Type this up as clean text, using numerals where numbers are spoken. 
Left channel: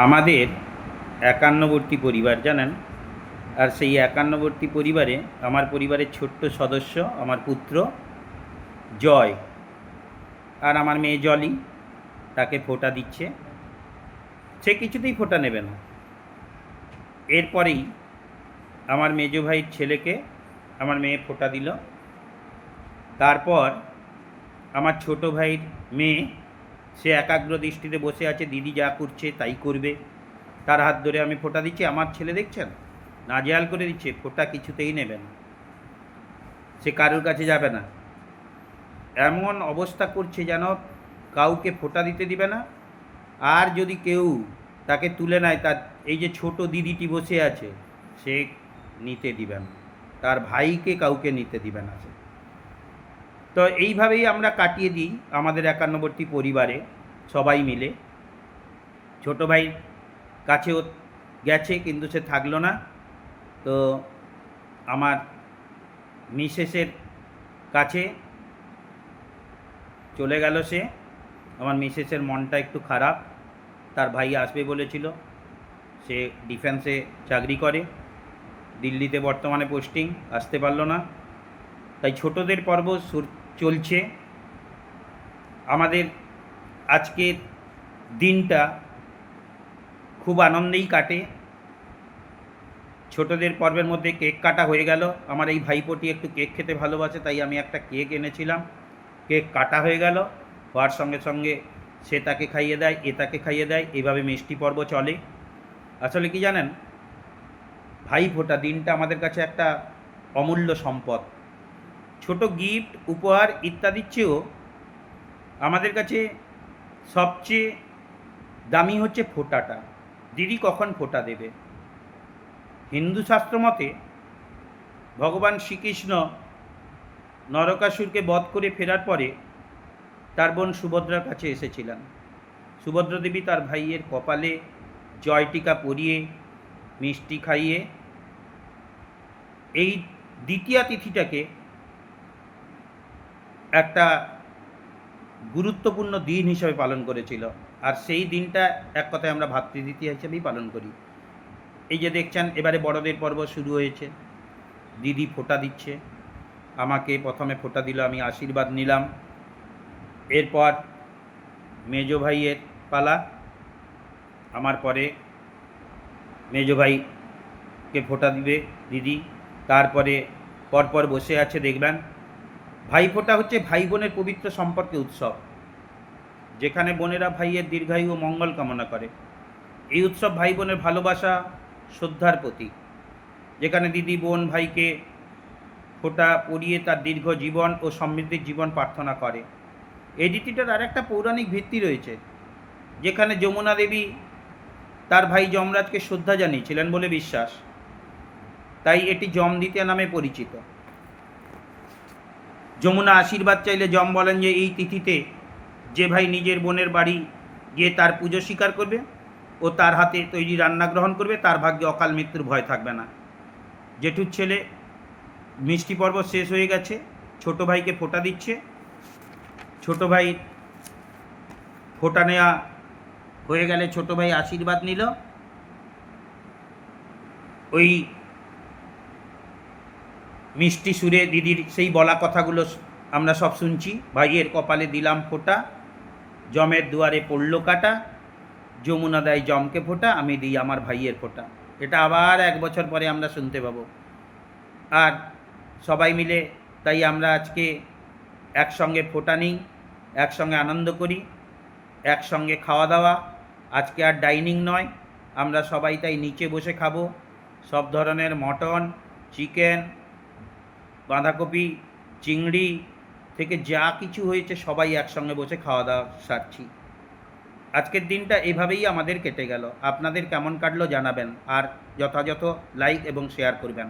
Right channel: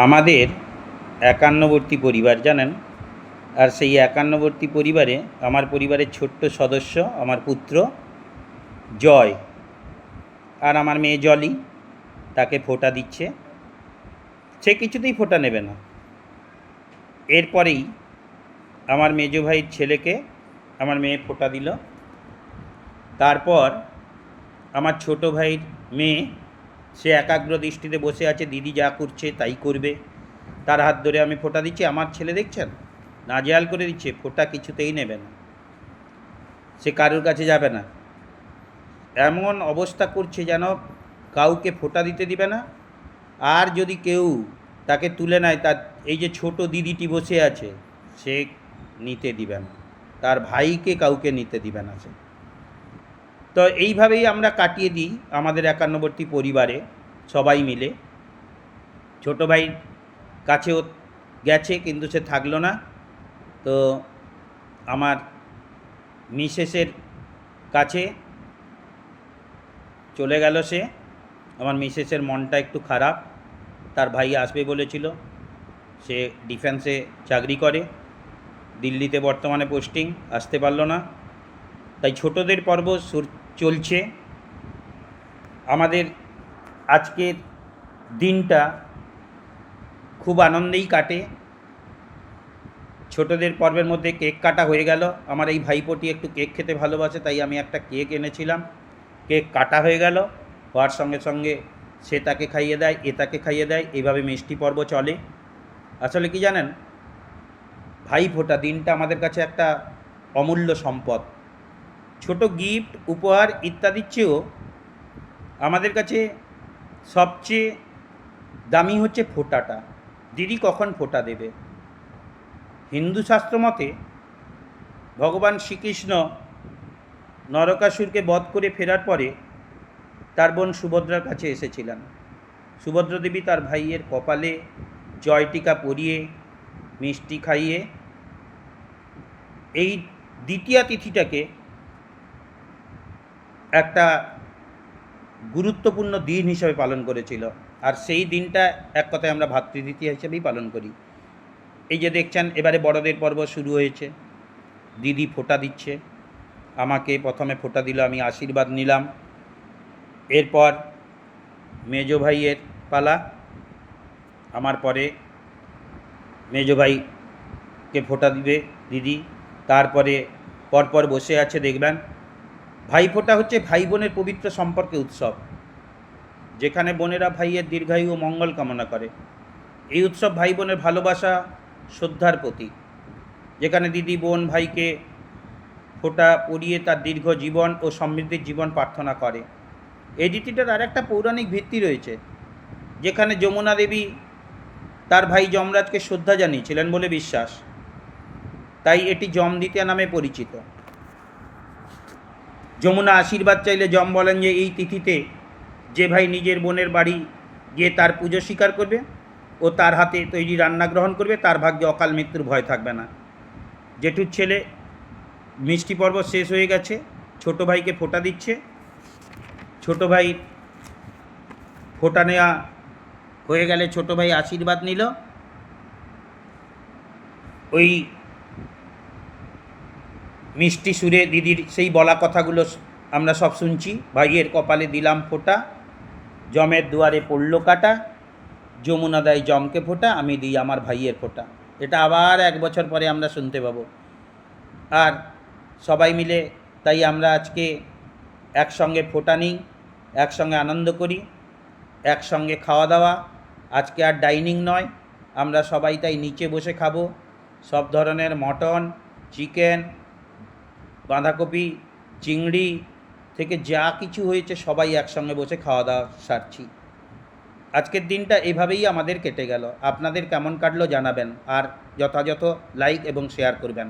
আমাদের একান্নবর্তী পরিবার জানেন। আর সেই একান্নবর্তী পরিবারে আমার পরিবারের ছোট্ট সদস্য আমার পুত্র জয় আর আমার মেয়ে জলি তাকে ফোঁটা দিচ্ছে। সে কিছুতেই ফোঁটা নেবে না। এরপরেই আমার মেজো ভাইয়ের ছেলেকে আমার মেয়ে ফোঁটা দিল। তারপর আমার ছোট ভাইয়ের মেয়ে, সে একাগ্র দৃষ্টিতে বসে আছে, দিদি যা করছে তাই করবে। তার হাত ধরে আমি ফোঁটা দিচ্ছি। আমার ছেলে দেখছেন নাজেহাল করে দিচ্ছে, ফোঁটা কিছুতেই নেবে না, সে কারোর কাছে যাবে না। এমন অবস্থা করছে যেন কাউকে ফোঁটা দিতে দিবে না। আর যদি কেউ তাকে তুলে নেয়, তার এই যে ছোট দিদিটি বসে আছে, সে নিতে দিবে না, তার ভাইকে কাউকে নিতে দিবে না সে। তো এইভাবেই আমরা কাটিয়ে দিই আমাদের একান্নবর্তী পরিবারে সবাই মিলে। ছোট ভাই কাছেও গেছে কিন্তু সে থাকলো না। তো আমার মিসেসের কাছে চলে গেল সে। আমার মিসেসের মনটা একটু খারাপ, তার ভাই আসবে বলেছিল। সে ডিফেন্সে চাকরি করে, দিল্লিতে বর্তমানে পোস্টিং, আসতে পারলো না। তাই ছোটদের পর্ব চলছে। আমাদের আজকের দিনটা খুব আনন্দেই কাটে। ছোটদের পর্বের মধ্যে কেক কাটা হয়ে গেল। আমার এই ভাইপোটি একটু কেক খেতে ভালোবাসে, তাই আমি একটা কেক এনেছিলাম। কেক কাটা হয়ে গেল, হওয়ার সঙ্গে সঙ্গে সে তাকে খাইয়ে দেয়, এ তাকে খাইয়ে দেয়, এইভাবে মিষ্টি পর্ব চলে। আসলে কি জানেন, ভাইফোঁটা দিনটা আমাদের কাছে একটা অমূল্য সম্পদ। ছোট গিফট, উপহার ইত্যাদির চেয়েও আমাদের কাছে সবচেয়ে দামি হচ্ছে ফোঁটাটা। দিদি কখন ফোঁটা দেবে। হিন্দু শাস্ত্র মতে ভগবান শ্রীকৃষ্ণ নরকাসুরকে বধ করে ফেরার পরে তার বোন সুভদ্রার কাছে এসেছিলেন। সুভদ্রা দেবী তার ভাইয়ের কপালে জয়টিকা পরিয়ে মিষ্টি খাইয়ে এই দ্বিতীয়া তিথিটাকে একটা গুরুত্বপূর্ণ দিন হিসেবে পালন করেছিল। আর সেই দিনটা এক কথায় আমরা ভাতৃদ্বিতীয়া হিসেবেই পালন করি। এই যে দেখছেন, এবারে বড়দের পর্ব শুরু হয়েছে। দিদি ফোঁটা দিচ্ছে, আমাকে প্রথমে ফোঁটা দিল, আমি আশীর্বাদ নিলাম। এরপর মেজো ভাইয়ের পালা, আমার পরে মেজো ভাইকে ফোঁটা দিবে দিদি। তারপরে পরপর বসে আছে দেখবেন। ভাইফোঁটা হচ্ছে ভাই বোনের পবিত্র সম্পর্কে উৎসব, যেখানে বোনেরা ভাইয়ের দীর্ঘায়ু ও মঙ্গল কামনা করে। এই উৎসব ভাই বোনের ভালোবাসা, শ্রদ্ধার প্রতীক, যেখানে দিদি বোন ভাইকে ফোঁটা পরিয়ে তার দীর্ঘ জীবন ও সমৃদ্ধির জীবন প্রার্থনা করে। এই রীতিটার আর একটা পৌরাণিক ভিত্তি রয়েছে, যেখানে যমুনা দেবী তার ভাই যমরাজকে শ্রদ্ধা জানিয়েছিলেন বলে বিশ্বাস, তাই এটি যম দ্বিতীয়া নামে পরিচিত। যমুনা আশীর্বাদ চাইলে যম বলেন যে এই তিথিতে যে ভাই নিজের বোনের বাড়ি গিয়ে তার পুজো স্বীকার করবে ও তার হাতে তৈরি রান্না গ্রহণ করবে, তার ভাগ্যে অকাল মৃত্যুর ভয় থাকবে না। জেঠুর ছেলে মিষ্টি পর্ব শেষ হয়ে গেছে, ছোট ভাইকে ফোঁটা দিচ্ছে। ছোট ভাই ফোঁটা নেওয়া হয়ে গেলে ছোট ভাই আশীর্বাদ নিল। ওই মিষ্টি সুরে দিদির সেই বলা কথাগুলো আমরা সব শুনছি। ভাইয়ের কপালে দিলাম ফোঁটা, জমের দুয়ারে পড়ল কাটা, যমুনা দেয় জমকে ফোঁটা, আমি দিই আমার ভাইয়ের ফোঁটা। এটা আবার 1 বছর পরে আমরা শুনতে পাবো। আর সবাই মিলে তাই আমরা আজকে একসঙ্গে ফোঁটা নিই, একসঙ্গে আনন্দ করি, একসঙ্গে খাওয়া দাওয়া। আজকে আর ডাইনিং নয়, আমরা সবাই তাই নিচে বসে খাবো। সব ধরনের মটন, চিকেন, বাঁধাকপি, চিংড়ি থেকে যা কিছু হয়েছে সবাই একসঙ্গে বসে খাওয়া দাওয়া সারছি। আজকের দিনটা এভাবেই আমাদের কেটে গেল। আপনাদের কেমন কাটলো জানাবেন, আর যথাযথ লাইক এবং শেয়ার করবেন।